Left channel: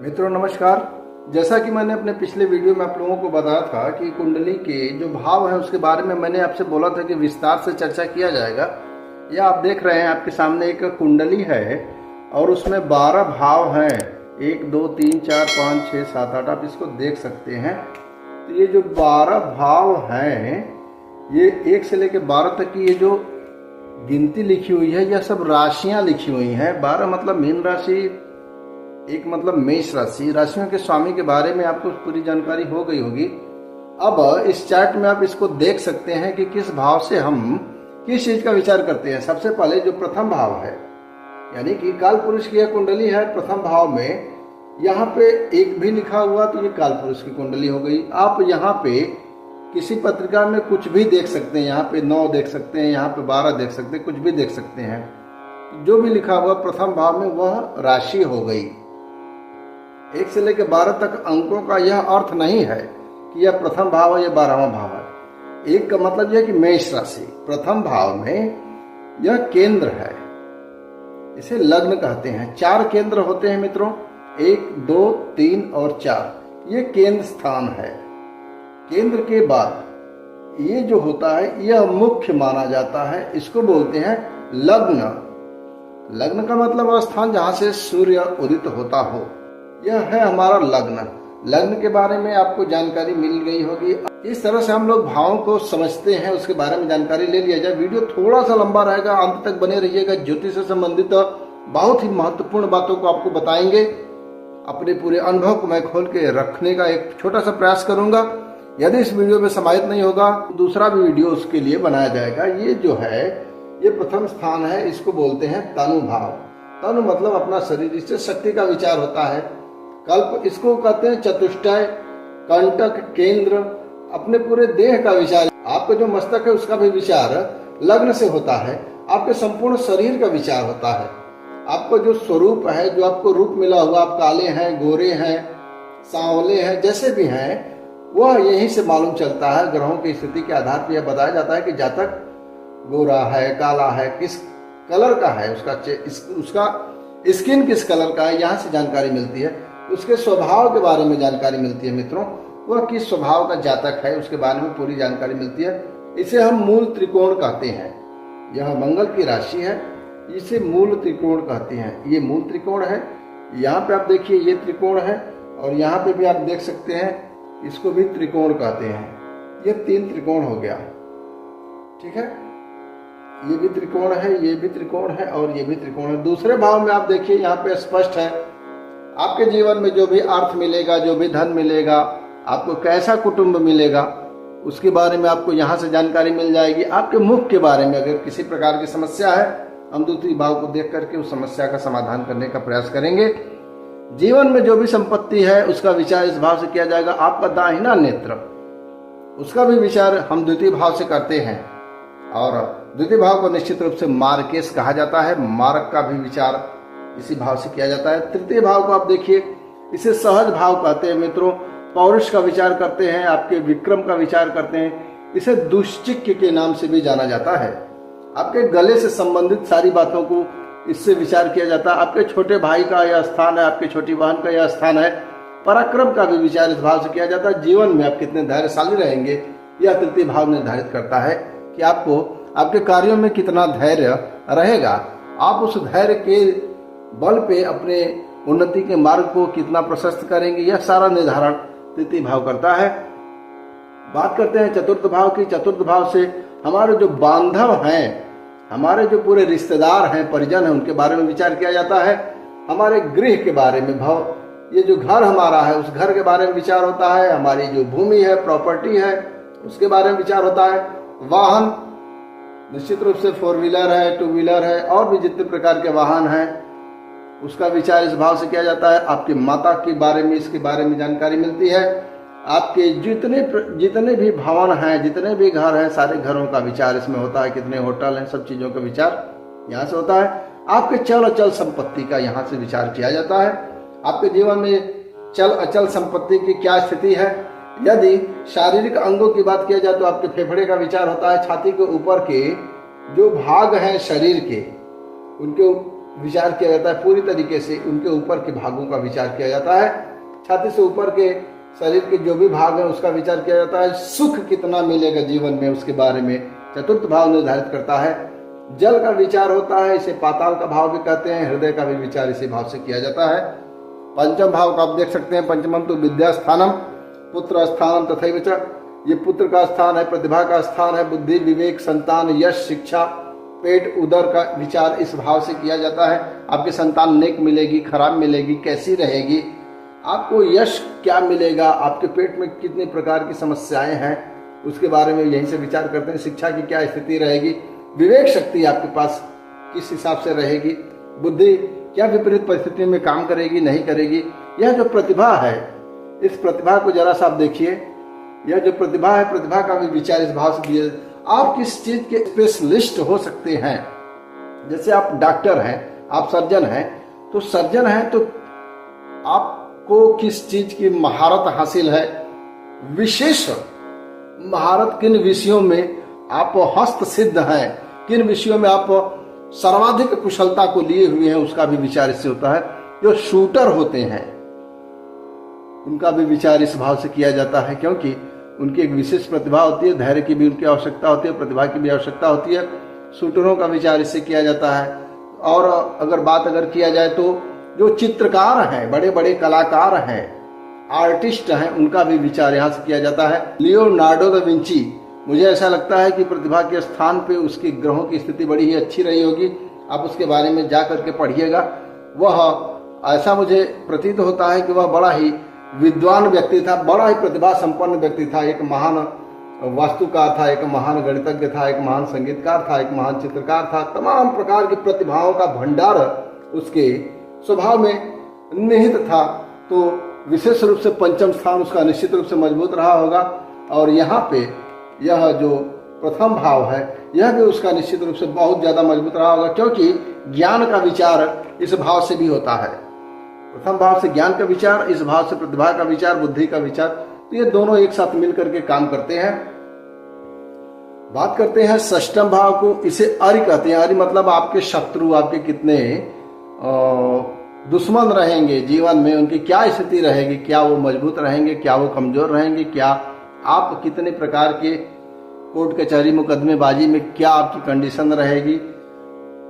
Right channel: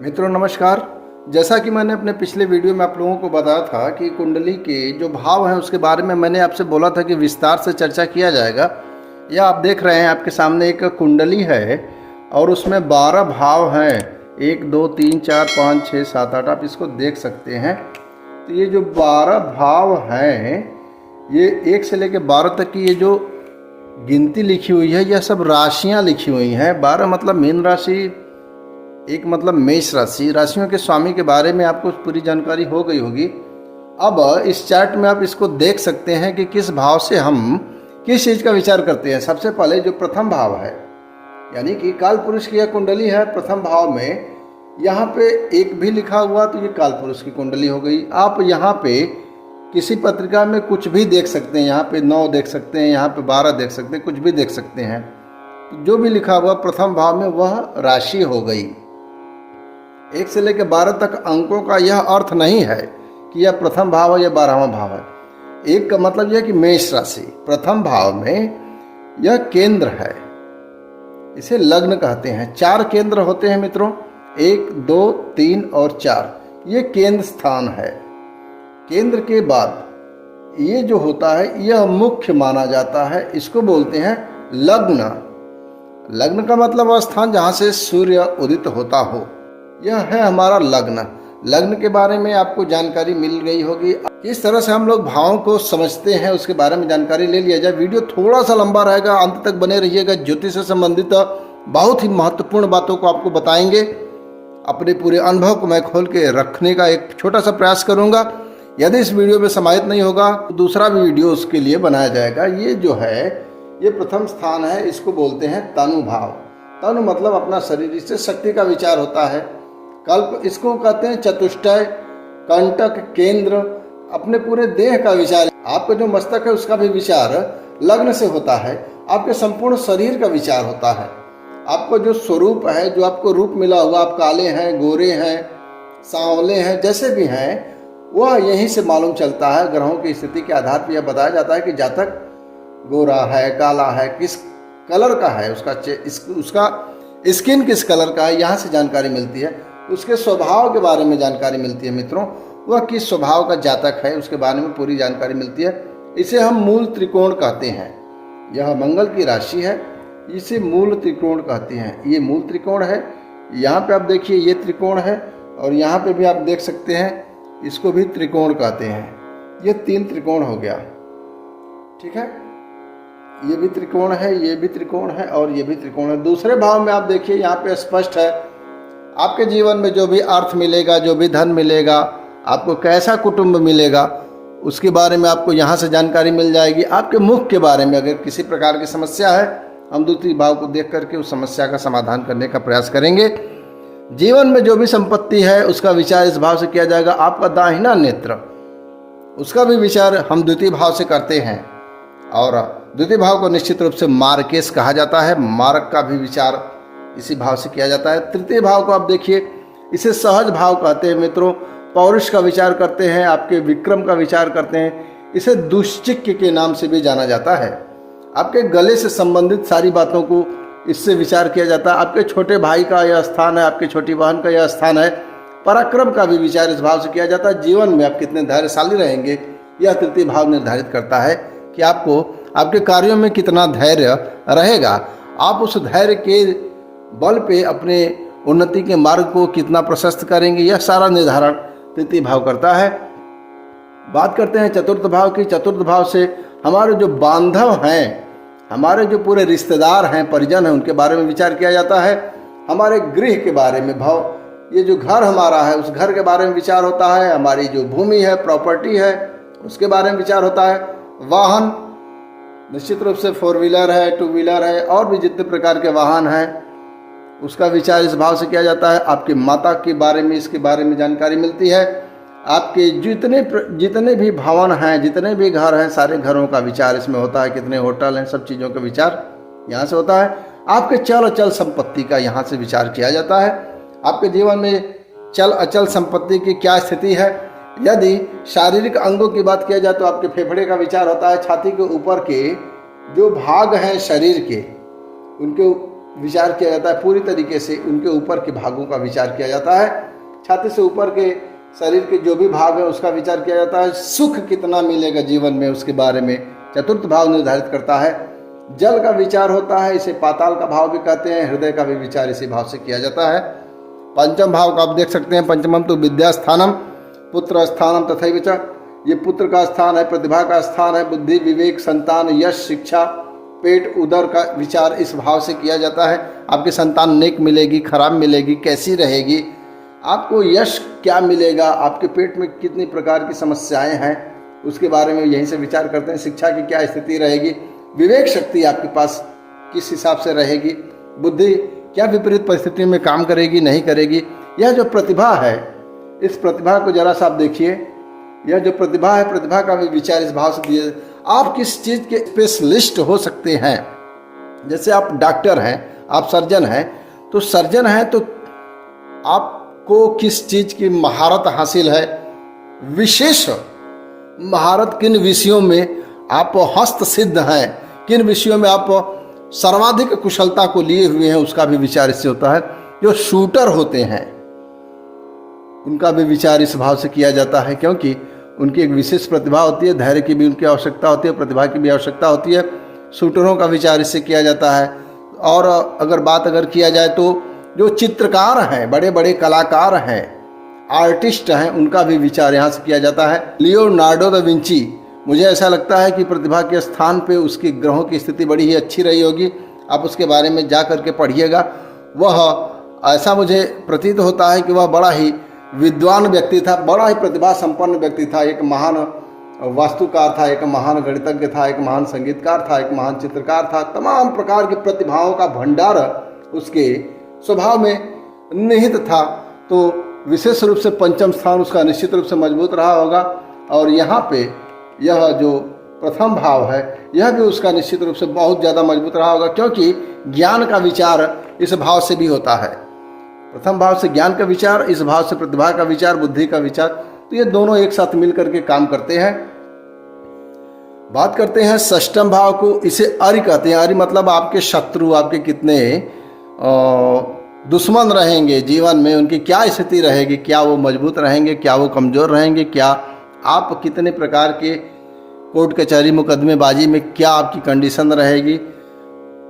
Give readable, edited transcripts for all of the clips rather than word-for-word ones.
मित्रों नमस्कार। जैसा कि मैंने अपने पिछले वीडियो में आप लोगों को बताया था कि कुंडली के जो भाव हैं उसके बारे में मैंने आपसे बोला था कि विस्तार से चर्चा किया जाएगा। यह आप देख रहे हैं, आपके सामने एक कुंडली है और उसमें 12 भाव हैं। 1 2 3 4 5 6 7 8 आप इसको देख सकते हैं। तो ये जो 12 भाव हैं, ये 1 से लेकर 12 तक की ये जो गिनती लिखी हुई है, यह सब राशियाँ लिखी हुई हैं। 12 मतलब मीन राशि, एक मतलब मेष राशि। राशियों के स्वामी के बारे में आपको पूरी जानकारी हो गई होगी। अब इस चार्ट में आप इसको देख सकते हैं कि किस भाव से हम किस चीज़ का विचार करते हैं। सबसे पहले जो प्रथम भाव है, यानी कि काल पुरुष की यह कुंडली है। प्रथम भाव में यहाँ पे 1 भी लिखा हुआ तो ये काल पुरुष की कुंडली हो गई। आप यहाँ पे किसी पत्रिका में कुछ भी देख सकते हैं। यहाँ पे 9 देख सकते हैं, यहाँ पे 12 देख सकते हैं, कुछ भी देख सकते हैं। जो भी लिखा हुआ प्रथम भाव में वह राशि हो गई। 1 से लेकर 12 तक अंकों का यह अर्थ नहीं है कि यह प्रथम भाव है या 12वां भाव है। 1 का मतलब यह कि मेष राशि प्रथम भाव में यह केंद्र है, इसे लग्न कहते हैं। 4 केंद्र होते हैं मित्रों, 1 2 3 और 4, ये केंद्र स्थान है। केंद्र के बाद ये जो होता है यह मुख्य माना जाता है, इसको बोलते हैं लग्न। लग्न का मतलब वह स्थान जहाँ से सूर्य उदित होता हो, यह है हमारा लग्न। लग्न के बारे में आपको जानकारी मिल गई होगी। इस तरह से हम लोग भावों को समझते हैं, उसके बारे में जानकारी ले लिया जाए। वीडियो थोड़ा सा लंबा रहेगा, अंत तक बने रहिएगा। ज्योतिष से संबंधित बहुत ही महत्वपूर्ण बातों को आपको बताएंगे। अपने पूरे अनुभव को मैं खोल के रखने का एक छोटा सा प्रयास करूंगा। यदि इस वीडियो में समाहित नहीं होगा तो दूसरा भी वीडियो उसके लिए बनाया जाएगा। ये जो है ये प्रथम स्थान है, इसको बोलते हैं तनु भाव। तनु मतलब अपना शरीर, इससे शक्ति का विचार होता है। कल्प इसको कहते हैं चतुष्टय, कंटक, केंद्र, अपने पूरे देह का विचार। आपका जो मस्तक है उसका भी विचार लग्न से होता है। आपके संपूर्ण शरीर का विचार होता है। आपको जो स्वरूप है, जो आपको रूप मिला हुआ, आप काले हैं, गोरे हैं, सांवले हैं, जैसे भी हैं, वह यहीं से मालूम चलता है। ग्रहों की स्थिति के आधार पर यह बताया जाता है कि जातक गोरा है, काला है, किस कलर का है, उसका स्किन किस कलर का है, यहाँ से जानकारी मिलती है। उसके स्वभाव के बारे में जानकारी मिलती है मित्रों, वह किस स्वभाव का जातक है उसके बारे में पूरी जानकारी मिलती है। इसे हम मूल त्रिकोण कहते हैं। यह मंगल की राशि है, इसे मूल त्रिकोण कहते हैं। ये मूल त्रिकोण है। यहाँ पे आप देखिए ये त्रिकोण है, और यहाँ पे भी आप देख सकते हैं, इसको भी त्रिकोण कहते हैं। ये 3 त्रिकोण हो गया, ठीक है। ये भी त्रिकोण है, ये भी त्रिकोण है, और ये भी त्रिकोण है। दूसरे भाव में आप देखिए, यहाँ पे स्पष्ट है आपके जीवन में जो भी अर्थ मिलेगा, जो भी धन मिलेगा, आपको कैसा कुटुंब मिलेगा, उसके बारे में आपको यहाँ से जानकारी मिल जाएगी। आपके मुख के बारे में अगर किसी प्रकार की समस्या है, हम द्वितीय भाव को देख करके उस समस्या का समाधान करने का प्रयास करेंगे। जीवन में जो भी संपत्ति है उसका विचार इस भाव से किया जाएगा। आपका दाहिना नेत्र, उसका भी विचार हम द्वितीय भाव से करते हैं, और द्वितीय भाव को निश्चित रूप से मार्केश कहा जाता है। मार्ग का भी विचार इसी भाव से किया जाता है। तृतीय भाव को आप देखिए, इसे सहज भाव कहते हैं मित्रों। पौरुष का विचार करते हैं, आपके विक्रम का विचार करते हैं। इसे दुश्चिक्य के नाम से भी जाना जाता है। आपके गले से संबंधित सारी बातों को इससे विचार किया जाता है। आपके छोटे भाई का यह स्थान है, आपके छोटी बहन का यह स्थान है। पराक्रम का भी विचार इस भाव से किया जाता है। जीवन में आप कितने धैर्यशाली रहेंगे, यह तृतीय भाव निर्धारित करता है कि आपको आपके कार्यों में कितना धैर्य रहेगा। आप उस धैर्य के बल पे अपने उन्नति के मार्ग को कितना प्रशस्त करेंगे, यह सारा निर्धारण तृतीय भाव करता है। बात करते हैं चतुर्थ भाव की। चतुर्थ भाव से हमारे जो बांधव हैं, हमारे जो पूरे रिश्तेदार हैं, परिजन हैं, उनके बारे में विचार किया जाता है। हमारे गृह के बारे में भाव, ये जो घर हमारा है उस घर के बारे में विचार होता है। हमारी जो भूमि है, प्रॉपर्टी है, उसके बारे में विचार होता है। वाहन, निश्चित रूप से 4 व्हीलर है, 2 व्हीलर है, और भी जितने प्रकार के वाहन हैं उसका विचार इस भाव से किया जाता है। आपकी माता के बारे में, इसके बारे में जानकारी मिलती है। आपके जितने भी भवन हैं, जितने भी घर हैं, सारे घरों का विचार इसमें होता है। कितने होटल हैं, सब चीज़ों का विचार यहाँ से होता है। आपके चल अचल संपत्ति का यहाँ से विचार किया जाता है। आपके जीवन में चल अचल संपत्ति की क्या स्थिति है। यदि शारीरिक अंगों की बात किया जाए तो आपके फेफड़े का विचार होता है। छाती के ऊपर के जो भाग हैं शरीर के, उनके विचार किया जाता है, पूरी तरीके से उनके ऊपर के भागों का विचार किया जाता है। छाती से ऊपर के शरीर के जो भी भाग है उसका विचार किया जाता है। सुख कितना मिलेगा जीवन में उसके बारे में चतुर्थ भाव निर्धारित करता है। जल का विचार होता है, इसे पाताल का भाव भी कहते हैं। हृदय का भी विचार इसी भाव से किया जाता है। पंचम भाव का आप देख सकते हैं, पंचमम तो विद्या स्थानम पुत्र स्थानम तथैव च, ये पुत्र का स्थान है, प्रतिभा का स्थान है। बुद्धि, विवेक, संतान, यश, शिक्षा, पेट, उदर का विचार इस भाव से किया जाता है। आपकी संतान नेक मिलेगी, खराब मिलेगी, कैसी रहेगी, आपको यश क्या मिलेगा, आपके पेट में कितनी प्रकार की समस्याएं हैं उसके बारे में यहीं से विचार करते हैं। शिक्षा की क्या स्थिति रहेगी, विवेक शक्ति आपके पास किस हिसाब से रहेगी, बुद्धि क्या विपरीत परिस्थितियों में काम करेगी, नहीं करेगी। यह जो प्रतिभा है, इस प्रतिभा को जरा सा आप देखिए। यह जो प्रतिभा है, प्रतिभा का भी विचार इस भाव से दिया। आप किस चीज़ के स्पेशलिस्ट हो सकते हैं। जैसे आप डॉक्टर हैं, आप सर्जन हैं, तो सर्जन हैं तो आपको किस चीज़ की महारत हासिल है, विशेष महारत किन विषयों में आप हस्त सिद्ध हैं, किन विषयों में आप सर्वाधिक कुशलता को लिए हुए हैं, उसका भी विचार इससे होता है। जो शूटर होते हैं उनका भी विचार इस भाव से किया जाता है, क्योंकि उनकी एक विशेष प्रतिभा होती है, धैर्य की भी उनकी आवश्यकता होती है, प्रतिभा की भी आवश्यकता होती है। शूटरों का विचार इससे किया जाता है। और अगर किया जाए तो जो चित्रकार हैं, बड़े बड़े कलाकार हैं, आर्टिस्ट हैं, उनका भी विचार यहाँ से किया जाता है। लियोनार्डो दा विंची, मुझे ऐसा लगता है कि प्रतिभा के स्थान पे उसके ग्रहों की स्थिति बड़ी ही अच्छी रही होगी। आप उसके बारे में जा करके पढ़िएगा। वह ऐसा मुझे प्रतीत होता है कि वह बड़ा ही विद्वान व्यक्ति था, बड़ा ही प्रतिभा संपन्न व्यक्ति था। एक महान वास्तुकार था, एक महान गणितज्ञ था, एक महान संगीतकार था, एक महान चित्रकार था। तमाम प्रकार की प्रतिभाओं का भंडार उसके स्वभाव में निहित था। तो विशेष रूप से पंचम स्थान उसका निश्चित रूप से मजबूत रहा होगा। और यहाँ पे यह जो प्रथम भाव है, यह भी उसका निश्चित रूप से बहुत ज़्यादा मजबूत रहा होगा, क्योंकि ज्ञान का विचार इस भाव से भी होता है। प्रथम भाव से ज्ञान का विचार, इस भाव से प्रतिभा का विचार, बुद्धि का विचार, तो ये दोनों एक साथ मिल करके काम करते हैं। बात करते हैं षष्ठम भाव को, इसे अरि कहते हैं। अरि मतलब आपके शत्रु, आपके कितने दुश्मन रहेंगे जीवन में, उनकी क्या स्थिति रहेगी, क्या वो मजबूत रहेंगे, क्या वो कमजोर रहेंगे, क्या आप कितने प्रकार के कोर्ट कचहरी मुकदमेबाजी में क्या आपकी कंडीशन रहेगी,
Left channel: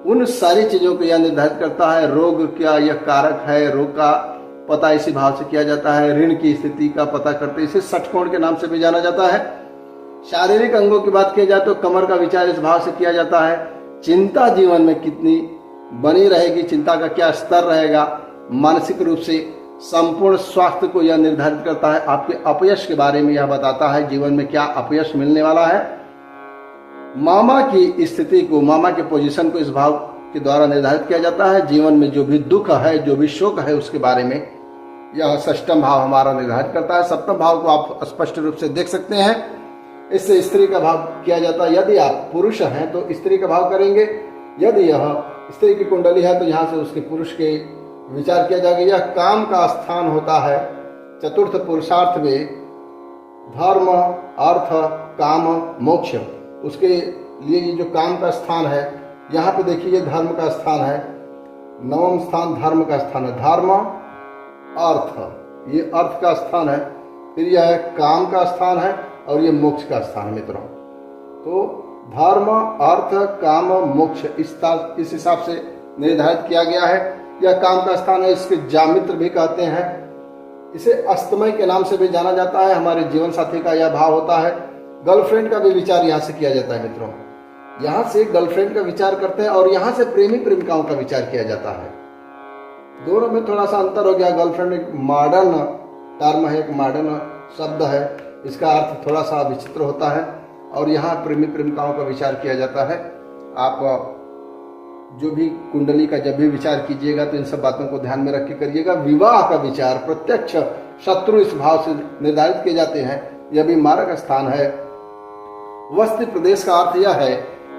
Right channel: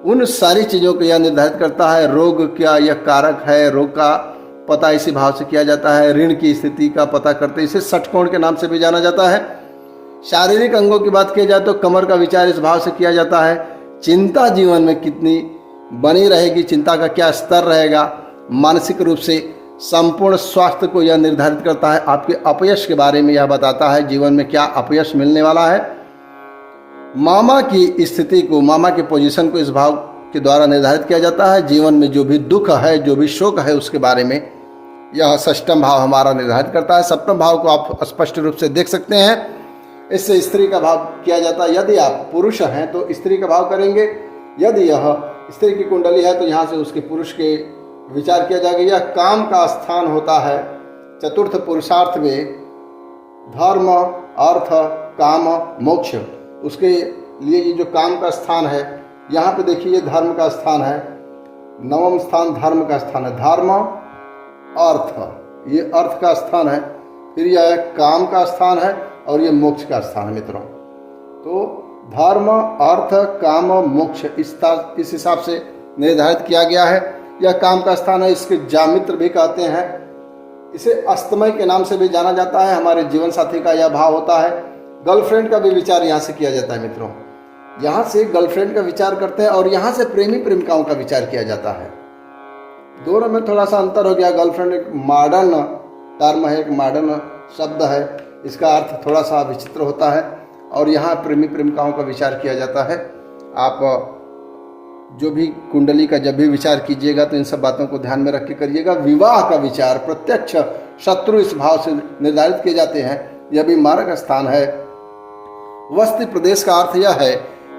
उन सारी चीज़ों को यह निर्धारित करता है। रोग क्या यह कारक है, रोग का पता इसी भाव से किया जाता है। ऋण की स्थिति का पता करते, इसे षटकोण के नाम से भी जाना जाता है। शारीरिक अंगों की बात की जाए तो कमर का विचार इस भाव से किया जाता है। चिंता जीवन में कितनी बनी रहेगी, चिंता का क्या स्तर रहेगा, मानसिक रूप से संपूर्ण स्वास्थ्य को यह निर्धारित करता है। आपके अपयश के बारे में यह बताता है, जीवन में क्या अपयश मिलने वाला है। मामा की स्थिति को, मामा की पोजीशन को इस भाव के द्वारा निर्धारित किया जाता है। जीवन में जो भी दुख है, जो भी शोक है, उसके बारे में यह षष्ठम भाव हमारा निर्धारित करता है। सप्तम भाव को आप स्पष्ट रूप से देख सकते हैं, इससे स्त्री का भाव किया जाता है। यदि आप पुरुष हैं तो स्त्री का भाव करेंगे, यदि यह स्त्री की कुंडली है तो यहाँ से उसके पुरुष के विचार किया जाएगा। यह काम का स्थान होता है। चतुर्थ पुरुषार्थ में धर्म, अर्थ, काम, मोक्ष, उसके लिए ये जो काम का स्थान है, यहाँ पे देखिए ये धर्म का स्थान है। नवम स्थान धर्म का स्थान है। धर्म, अर्थ, ये अर्थ का स्थान है। फिर यह काम का स्थान है और ये मोक्ष का स्थान है मित्रों। तो धर्म, अर्थ, काम, मोक्ष इस हिसाब से निर्धारित किया गया है। यह काम का स्थान है। इसके जामित्र भी कहते हैं। इसे अस्तमय के नाम से भी जाना जाता है। हमारे जीवन साथी का यह भाव होता है। गर्लफ्रेंड का भी विचार यहाँ से किया जाता है मित्रों। यहाँ से गर्लफ्रेंड का विचार करते हैं और यहाँ से प्रेमी प्रेमिकाओं का विचार किया जाता है। दोनों में थोड़ा सा अंतर हो गया। गर्लफ्रेंड एक मॉडर्न टर्म है, एक मॉडर्न शब्द है, इसका अर्थ थोड़ा सा विचित्र होता है। और यहाँ प्रेमी प्रेमिकाओं का विचार किया जाता है। आप जो भी कुंडली का जब भी विचार कीजिएगा तो इन सब बातों को ध्यान में रख के करिएगा। विवाह का विचार, प्रत्यक्ष शत्रु इस भाव से निर्धारित किए जाते हैं। यह भी मारक स्थान है। वस्ति प्रदेश का अर्थ यह है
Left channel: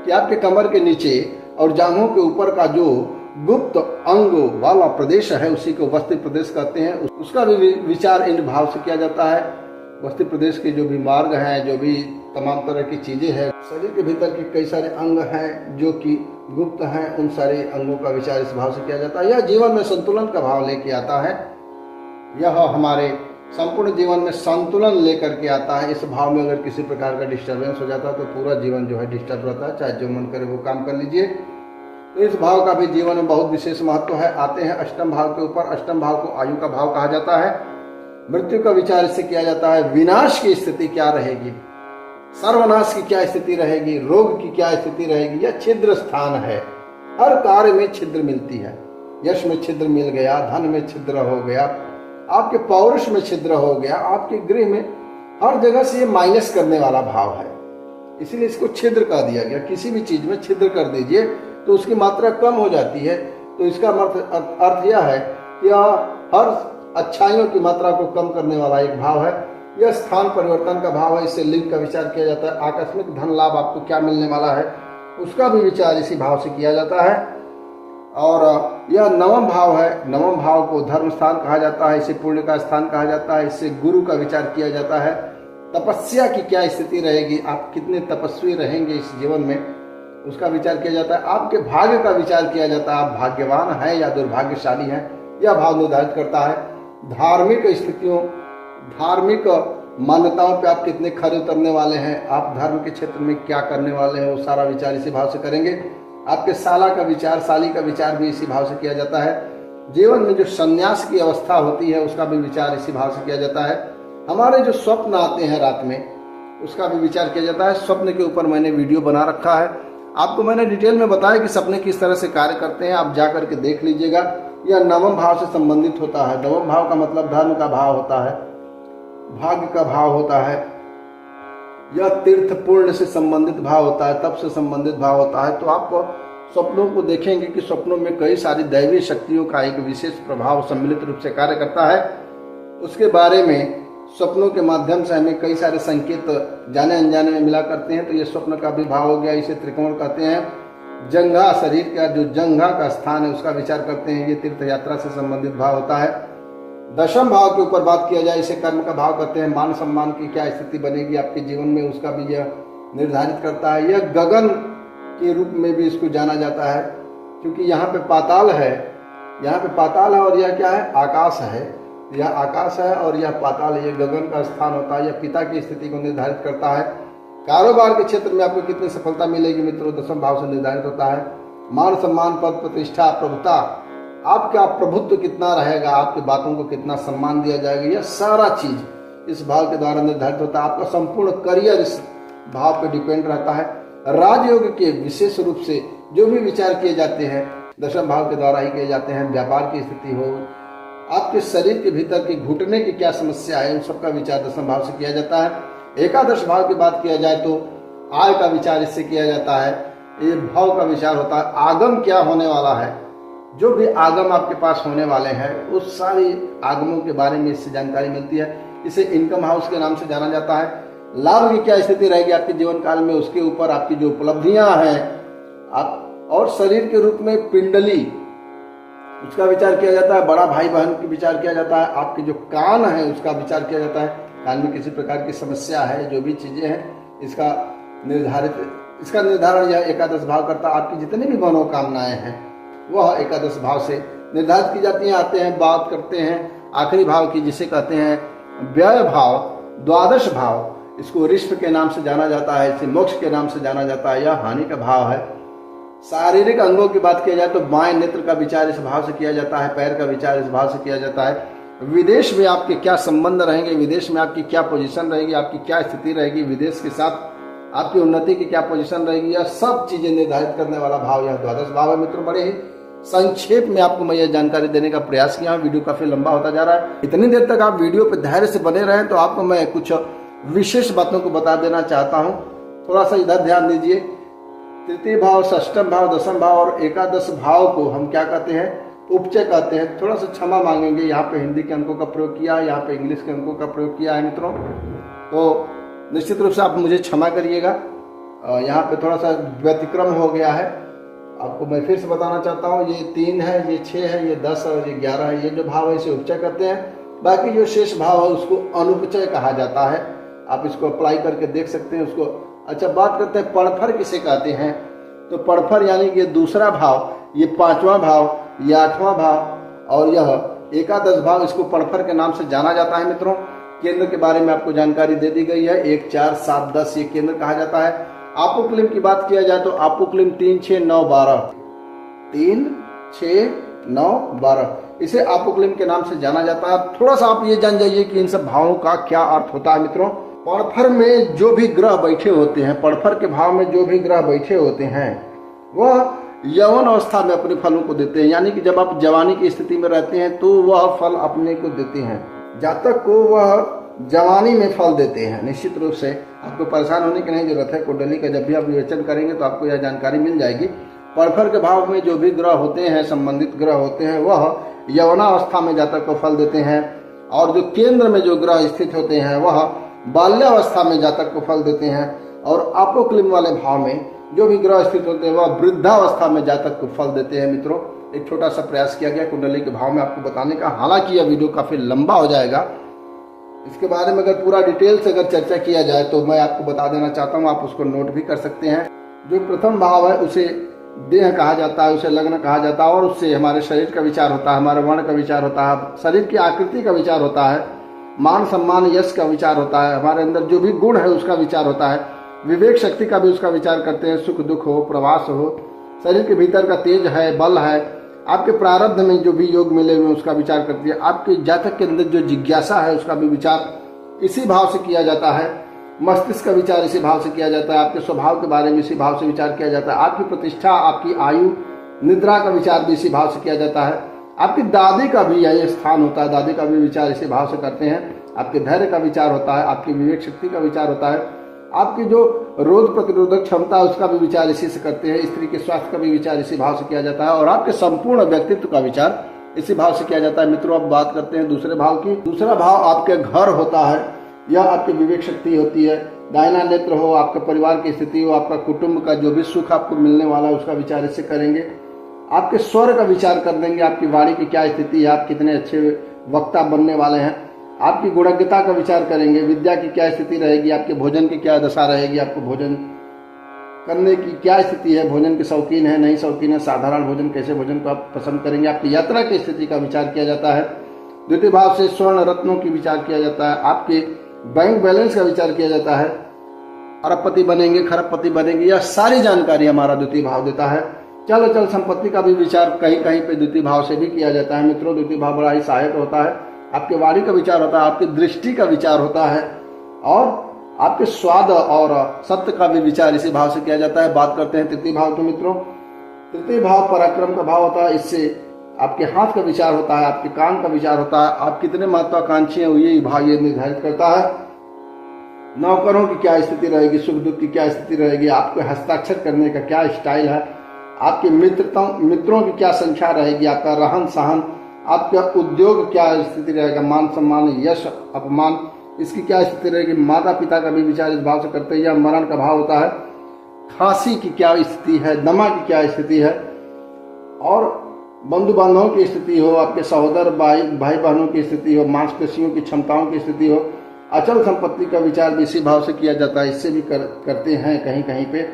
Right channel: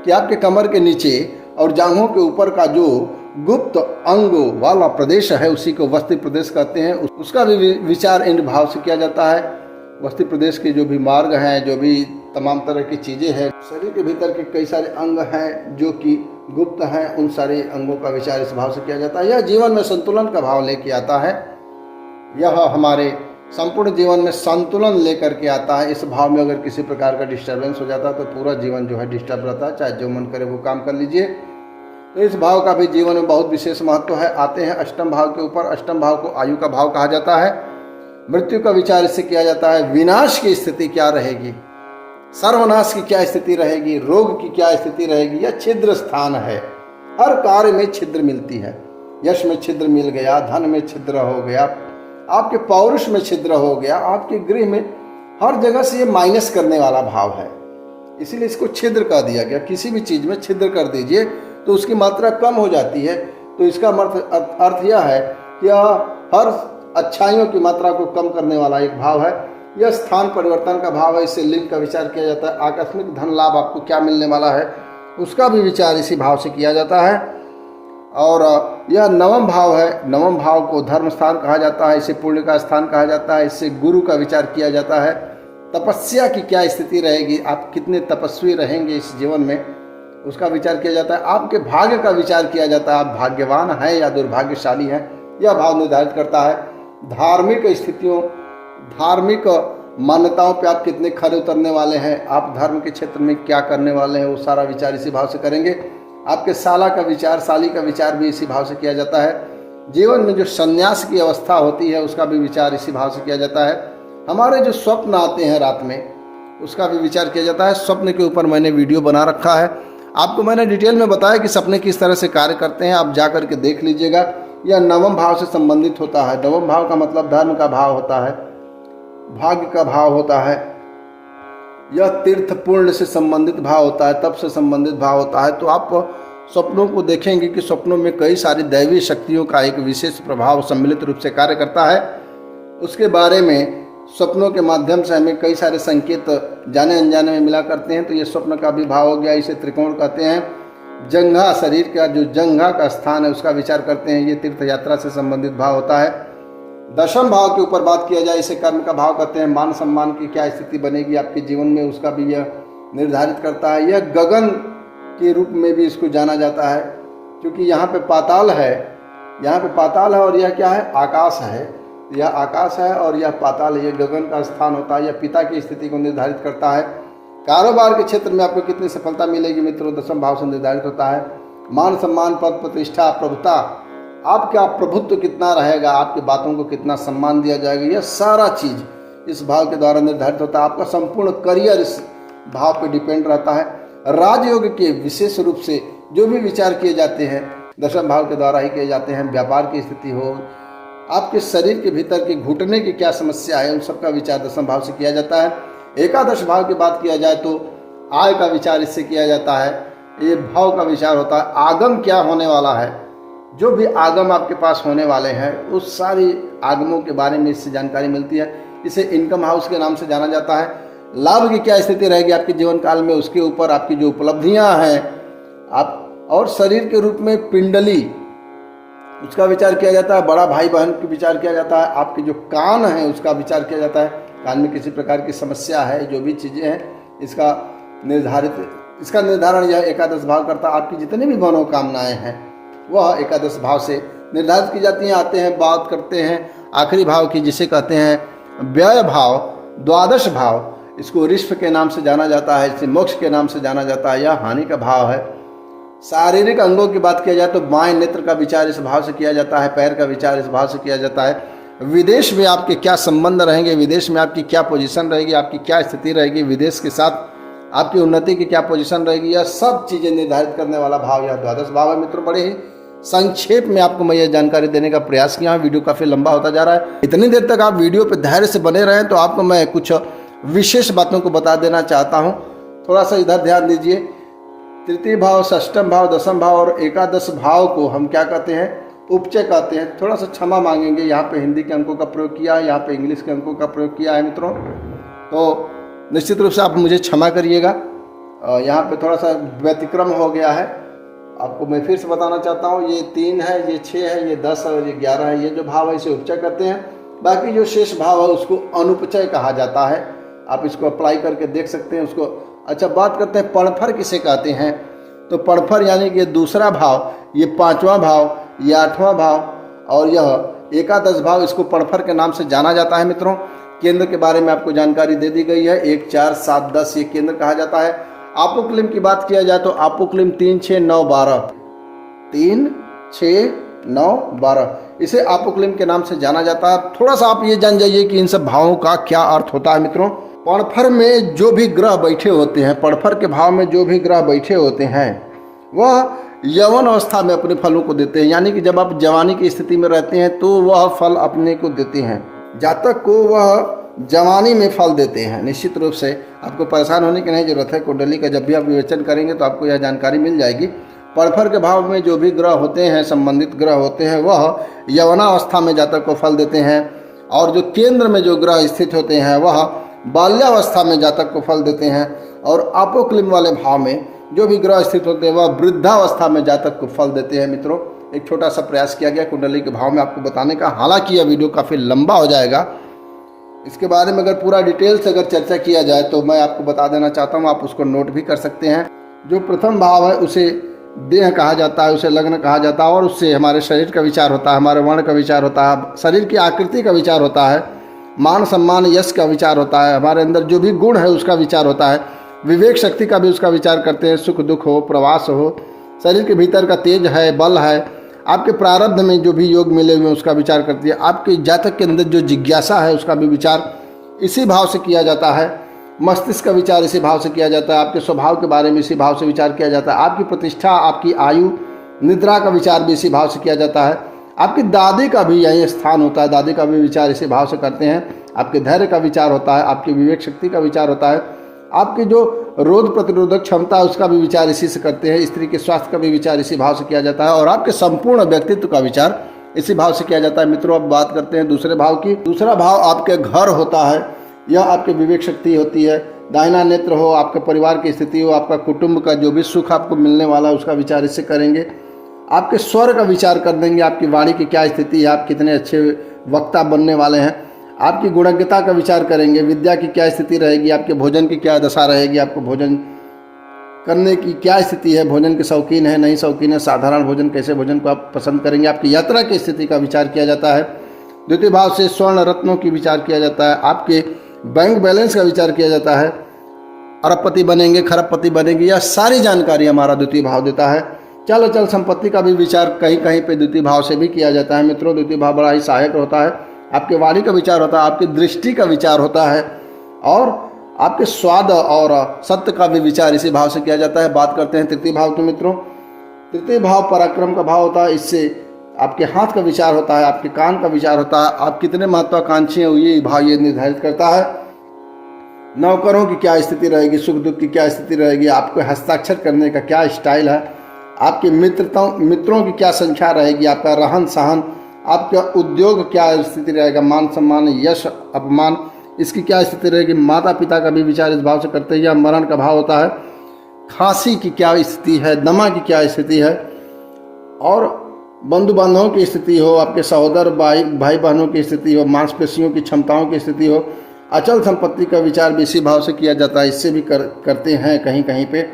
कि आपके कमर के नीचे और जांघों के ऊपर का जो गुप्त अंग वाला प्रदेश है उसी को वस्ति प्रदेश कहते हैं। उसका भी विचार इन भाव से किया जाता है। वस्ति प्रदेश के जो भी मार्ग हैं, जो भी तमाम तरह की चीज़ें हैं, शरीर के भीतर के कई सारे अंग हैं जो कि गुप्त हैं उन सारे अंगों का विचार इस भाव से किया जाता है। यह जीवन में संतुलन का भाव लेके आता है, यह हमारे संपूर्ण जीवन में संतुलन लेकर के आता है। इस भाव में अगर किसी प्रकार का डिस्टर्बेंस हो जाता है तो पूरा जीवन जो है डिस्टर्ब रहता है, चाहे जो मन करे वो काम कर लीजिए। तो इस भाव का भी जीवन में बहुत विशेष महत्व है। आते हैं अष्टम भाव के ऊपर। अष्टम भाव को आयु का भाव कहा जाता है। मृत्यु का विचार इससे किया जाता है। विनाश की स्थिति क्या रहेगी, सर्वनाश की क्या स्थिति रहेगी, रोग की क्या स्थिति रहेगी। यह छिद्र स्थान है, हर कार्य में छिद्र मिलती है। यश में छिद्र मिल गया, धन में छिद्र हो गया, आपके पौरुष में छिद्र हो गया, आपके गृह में, हर जगह से ये माइनस करने वाला भाव है, इसीलिए इसको छिद्र कह दिया गया। किसी भी चीज में छिद्र कर दीजिए तो उसकी मात्रा कम हो जाती है। तो इसका अर्थ यह है कि हर अच्छाइयों की मात्रा को कम करने वाला एक भाव है। यह स्थान परिवर्तन का भाव है। इससे लिंग का विचार किया जाता है। आकस्मिक धन लाभ आपको क्या मिलने वाला है उसका भी विचार इसी भाव से किया जाता है। और यह नवम भाव है। नवम भाव को धर्म स्थान कहा जाता है, इसे पुण्य का स्थान कहा जाता है। इससे गुरु का विचार किया जाता है। तपस्या की क्या स्थिति रहेगी, आप कितने तपस्वी रहेंगे इस जीवन में, उसका विचार किया जाता है। आपके भाग्य का विचार किया जाता है, आप भाग्यवान हैं या दुर्भाग्यशाली हैं, यह भाव निर्धारित करता है। धार्मिक स्थितियों, धार्मिक मान्यताओं पे आप कितने खरे उतरने वाले हैं, आप धर्म के क्षेत्र में क्या करने वाले हैं, वो सारा विचार इसी भाव से करेंगे। आपके साला का विचार, साली का विचार भी इसी भाव से किया जाता है। जीवन में जो संन्यास की अवस्था होती है उसका भी विचार इसी भाव से किया जाता है। हमारे जो स्वप्न आते हैं रात में उसका भी विचार किया जाता है। स्वप्न के ऊपर मैंने वीडियो बना रखा है, आपको मैंने डिटेल में बताया कि सपने किस तरह से कार्य करते हैं, आप जा करके देख लीजिएगा। यह नवम भाव से संबंधित होता है। नवम भाव का मतलब धर्म का भाव होता है, भाग्य का भाव होता है। यह तीर्थ पूर्ण से संबंधित भाव होता है, तप से संबंधित भाव होता है। तो आप स्वप्नों को देखेंगे कि स्वप्नों में कई सारी दैवी शक्तियों का एक विशेष प्रभाव सम्मिलित रूप से कार्य करता है। उसके बारे में स्वप्नों के माध्यम से हमें कई सारे संकेत जाने अनजाने में मिला करते हैं। तो ये स्वप्न का भी भाव हो गया, इसे त्रिकोण कहते हैं। जंघा, शरीर का जो जंघा का स्थान है उसका विचार करते हैं, ये तीर्थ यात्रा से संबंधित भाव होता है। दशम भाव के ऊपर बात किया जाए, इसे कर्म का भाव कहते हैं। मान सम्मान की क्या स्थिति बनेगी आपके जीवन में उसका भी यह निर्धारित करता है। यह गगन के रूप में भी इसको जाना जाता है, क्योंकि यहाँ पे पाताल है, यहाँ पे पाताल है और यह क्या है, आकाश है। यह आकाश है और यह पाताल है, यह गगन का स्थान होता है। यह पिता की स्थिति को निर्धारित करता है। कारोबार के क्षेत्र में आपको कितनी सफलता मिलेगी मित्रों, दशम भाव से निर्धारित होता है। मान सम्मान, पद प्रतिष्ठा, प्रभुता, आपका प्रभुत्व कितना रहेगा, आपकी बातों को कितना सम्मान दिया जाएगा, यह सारा चीज इस भाव के द्वारा निर्धारित होता है। आपका संपूर्ण करियर इस भाव पे डिपेंड रहता है। राजयोग के विशेष रूप से जो भी विचार किए जाते हैं दशम भाव के द्वारा ही किए जाते हैं। व्यापार की स्थिति हो, आपके शरीर के भीतर की घुटने की क्या समस्या है, उन सबका विचार दशम भाव से किया जाता है। एकादश भाव की बात किया जाए तो आय का विचार इससे किया जाता है। ये भाव का विचार होता है। आगम क्या होने वाला है, जो भी आगम आपके पास होने वाले हैं उस सारी आगमों के बारे में इससे जानकारी मिलती है। इसे इनकम हाउस के नाम से जाना जाता है। लाभ की क्या स्थिति रहेगी आपके जीवन काल में, उसके ऊपर आपकी जो उपलब्धियां हैं आप, और शरीर के रूप में पिंडली, उसका विचार किया जाता है। बड़ा भाई बहन की विचार किया जाता है। आपके जो कान है उसका विचार किया जाता है। कान में किसी प्रकार की समस्या है, जो भी चीजें हैं इसका निर्धारण यह एकादश भाव करता है। आपकी जितनी भी मनोकामनाएं हैं वह एकादश भाव से निर्धारित की जाती हैं। आते हैं, बात करते हैं आखिरी भाव की, जिसे कहते हैं व्यय भाव, द्वादश भाव। इसको ऋष्भ के नाम से जाना जाता है, इसे मोक्ष के नाम से जाना जाता है। यह हानि का भाव है। शारीरिक अंगों की बात किया जाए तो बाएं नेत्र का विचार इस भाव से किया जाता है, पैर का विचार इस भाव से किया जाता है। विदेश में आपके क्या संबंध रहेंगे, विदेश में आपकी क्या पोजीशन रहेगी, आपकी क्या स्थिति रहेगी, विदेश के साथ आपकी उन्नति की क्या पोजीशन रहेगी, यह सब चीजें निर्धारित करने वाला भाव यह द्वादश भाव है। मित्रों, बड़े ही संक्षेप में आपको मैं यह जानकारी देने का प्रयास किया। वीडियो काफी लंबा होता जा रहा है। इतनी देर तक आप वीडियो पे धैर्य से बने रहें तो आपको मैं कुछ विशेष बातों को बता देना चाहता हूँ। थोड़ा सा इधर ध्यान दीजिए। तृतीय भाव, षष्ठम भाव, दशम भाव और एकादश भाव को हम क्या कहते हैं, उपचय कहते हैं। थोड़ा सा क्षमा मांगेंगे, यहाँ पे हिंदी के अंकों का प्रयोग किया है, यहाँ पे इंग्लिश के अंकों का प्रयोग किया है मित्रों, तो निश्चित रूप से आप मुझे क्षमा करिएगा। यहाँ पे थोड़ा सा व्यतिक्रम हो गया है। आपको मैं फिर से बताना चाहता हूँ, ये 3 है, ये 6 है, ये 10 है और ये 11 है। ये जो भाव है इसे उपचय करते हैं। बाकी जो शेष भाव है उसको अनुपचय कहा जाता है। आप इसको अप्लाई करके देख सकते हैं उसको। अच्छा, बात करते हैं पणफर किसे कहते हैं। तो पड़फर यानी कि दूसरा भाव, ये 5वां भाव, ये 8वां भाव और यह एकादश भाव, इसको पड़फर के नाम से जाना जाता है मित्रों। केंद्र के बारे में आपको जानकारी दे दी गई है, 1, 4, 7, 10 ये केंद्र कहा जाता है। आपोक्लिम की बात किया जाए तो आपोक्लिम 3, 6, 9, 12, 3, 6, 9, 12 इसे आपोक्लिम के नाम से जाना जाता है। थोड़ा सा आप ये जान जाइए कि इन सब भावों का क्या अर्थ होता है मित्रों। पड़फर में जो भी ग्रह बैठे होते हैं, पड़फर के भाव में जो भी ग्रह बैठे होते हैं वह यौवन अवस्था में अपने फलों को देते हैं, यानी कि जब आप जवानी की स्थिति में रहते हैं तो वह फल अपने को देते हैं। जातक को वह जवानी में फल देते हैं। निश्चित रूप से आपको परेशान होने की नहीं जरूरत है। कुंडली का जब भी आप विवेचन करेंगे तो आपको यह जानकारी मिल जाएगी। पड़फर के भाव में जो भी ग्रह होते हैं, संबंधित ग्रह होते हैं, वह यौवनावस्था में जातक को फल देते हैं, और जो केंद्र में जो ग्रह स्थित होते हैं वह बाल्यावस्था में जातक को फल देते हैं, और आपोक्लिम वाले भाव में जो भी ग्रह स्थित होते हैं वह वृद्धावस्था में जातक को फल देते हैं। मित्रों, एक छोटा सा प्रयास किया गया कुंडली के भाव में आपको बताने का, हालांकि यह वीडियो काफ़ी लंबा हो जाएगा। इसके बारे में अगर पूरा डिटेल से अगर चर्चा किया जाए तो मैं आपको बता देना चाहता हूँ, आप उसको नोट भी कर सकते हैं। जो प्रथम भाव है उसे देह कहा जाता है, उसे लग्न कहा जाता है, और उससे हमारे शरीर का विचार होता है, हमारे वर्ण का विचार होता है, शरीर की आकृति का विचार होता है, मान सम्मान यश का विचार होता है, हमारे अंदर जो भी गुण है उसका विचार होता है, विवेक शक्ति का भी उसका विचार करते हैं, सुख दुख हो, प्रवास हो, शरीर के भीतर का तेज है, बल है, आपके प्रारब्ध में जो भी योग मिले हुए हैं उसका विचार करती है, आपके जातक के अंदर जो जिज्ञासा है उसका भी विचार इसी भाव से किया जाता है, मस्तिष्क का विचार इसी भाव से किया जाता है, आपके स्वभाव के बारे में इसी भाव से विचार किया जाता है, आपकी प्रतिष्ठा, आपकी आयु, निद्रा का विचार भी इसी भाव से किया जाता है, आपकी दादी का भी यही स्थान होता है, दादी का भी विचार इसी भाव से करते हैं, आपके धैर्य का विचार होता है, आपकी विवेक शक्ति का विचार होता है, आपकी जो रोग प्रतिरोधक क्षमता है उसका भी विचार इसी से करते हैं, स्त्री के स्वास्थ्य का भी विचार इसी भाव से किया जाता है, और आपके संपूर्ण व्यक्तित्व का विचार इसी भाव से किया जाता है। मित्रों, अब बात करते हैं दूसरे भाव की। दूसरा भाव आपके घर होता है, यह आपकी विवेक शक्ति होती है, दाहिना नेत्र हो, आपके परिवार की स्थिति हो, आपका कुटुंब का जो भी सुख आपको मिलने वाला है उसका विचार इससे करेंगे, आपके स्वर का विचार कर देंगे, आपकी वाणी की क्या स्थिति है, आप कितने अच्छे वक्ता बनने वाले हैं, आपकी गुणज्ञता का विचार करेंगे, विद्या की क्या स्थिति रहेगी, आपके भोजन की क्या दशा रहेगी, आपको भोजन करने की क्या स्थिति है, भोजन के शौकीन है नहीं शौकीन है, साधारण भोजन कैसे भोजन को आप पसंद करेंगे, आपकी यात्रा की स्थिति का विचार किया जाता है। द्वितीय भाव से स्वर्ण रत्नों की विचार किया जाता है, आपके बैंक बैलेंस का विचार किया जाता है, अरबपति बनेंगे खरबपति बनेंगे, यह सारी जानकारी हमारा द्वितीय भाव देता है। चल अचल संपत्ति का भी विचार कहीं कहीं पे द्वितीय भाव से भी किया जाता है। मित्रों, द्वितीय भाव बड़ा ही सहायक होता है, आपके वाणी का विचार होता है, आपकी दृष्टि का विचार होता है, और आपके स्वाद और सत्य का भी विचार इसी भाव से किया जाता है। बात करते हैं तृतीय भाव के। मित्रों, तृतीय भाव पराक्रम का भाव होता है, इससे आपके हाथ का विचार होता है, आपके कान का विचार होता है, आप कितने महत्वाकांक्षी हैं ये भाव ये निर्धारित करता है। नौकरों की क्या स्थिति रहेगी, सुख दुख की क्या स्थिति रहेगी, आपको हस्ताक्षर करने का क्या स्टाइल है, आपके मित्रों की क्या संख्या रहेगी, आपका रहन सहन, आपका उद्योग क्या स्थिति रहेगा, मान सम्मान यश अपमान इसकी क्या स्थिति रहेगी, माता पिता का भी विचार इस भाव से करते हैं। मरण का भाव होता है, खांसी की क्या स्थिति है, दमा की क्या स्थिति है, और बंधु बांधवों की स्थिति हो, आपके सहोदर भाई बहनों की स्थिति हो, मांसपेशियों की क्षमताओं की स्थिति हो, अचल संपत्ति का विचार भी इसी भाव से किया जाता है, इससे भी करते हैं कहीं कहीं पे।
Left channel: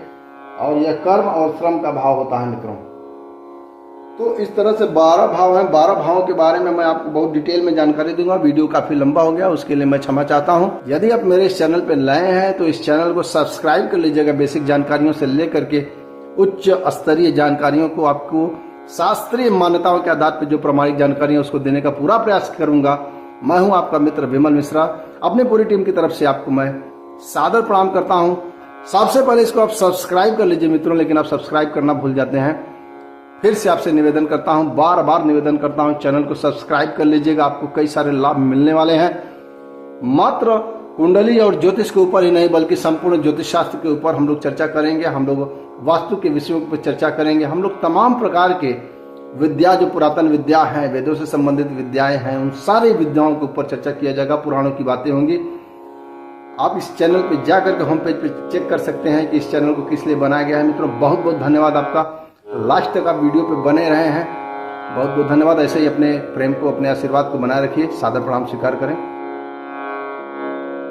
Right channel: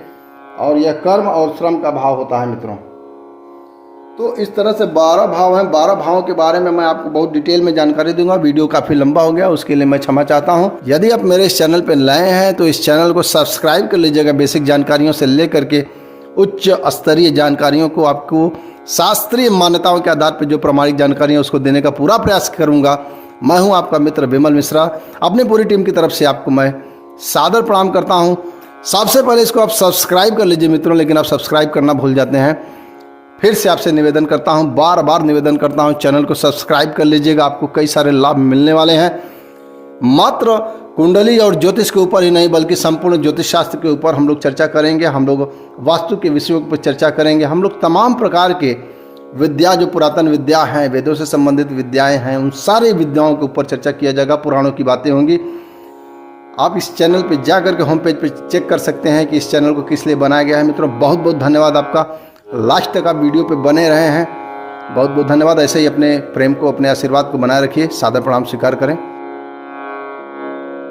और यह कर्म और श्रम का भाव होता है। मित्रों, तो इस तरह से 12 भाव हैं। 12 भावों के बारे में मैं आपको बहुत डिटेल में जानकारी दूंगा। वीडियो काफ़ी लंबा हो गया, उसके लिए मैं क्षमा चाहता हूं। यदि आप मेरे इस चैनल पर नए हैं तो इस चैनल को सब्सक्राइब कर लीजिएगा। बेसिक जानकारियों से लेकर के उच्च स्तरीय जानकारियों को, आपको शास्त्रीय मान्यताओं के आधार पर जो प्रामाणिक जानकारी है उसको देने का पूरा प्रयास करूंगा। मैं हूं आपका मित्र विमल मिश्रा। अपनी पूरी टीम की तरफ से आपको मैं सादर प्रणाम करता हूं। सबसे पहले इसको आप सब्सक्राइब कर लीजिए मित्रों, लेकिन आप सब्सक्राइब करना भूल जाते हैं। फिर से आपसे निवेदन करता हूं, बार बार निवेदन करता हूं, चैनल को सब्सक्राइब कर लीजिएगा। आपको कई सारे लाभ मिलने वाले हैं। मात्र कुंडली और ज्योतिष के ऊपर ही नहीं बल्कि संपूर्ण ज्योतिष शास्त्र के ऊपर हम लोग चर्चा करेंगे। हम लोग वास्तु के विषयों पर चर्चा करेंगे। हम लोग तमाम प्रकार के विद्या, जो पुरातन विद्या हैं, वेदों से संबंधित विद्याएं हैं, उन सारी विद्याओं के ऊपर चर्चा किया जाएगा। पुराणों की बातें होंगी। आप इस चैनल पे जा करके होम पेज पे चेक कर सकते हैं कि इस चैनल को किस लिए बनाया गया है। मित्रों, बहुत बहुत धन्यवाद आपका। लास्ट तक आप वीडियो पे बने रहे हैं, बहुत बहुत धन्यवाद। ऐसे ही अपने प्रेम को, अपने आशीर्वाद को बनाए रखिए। सादर प्रणाम स्वीकार करें।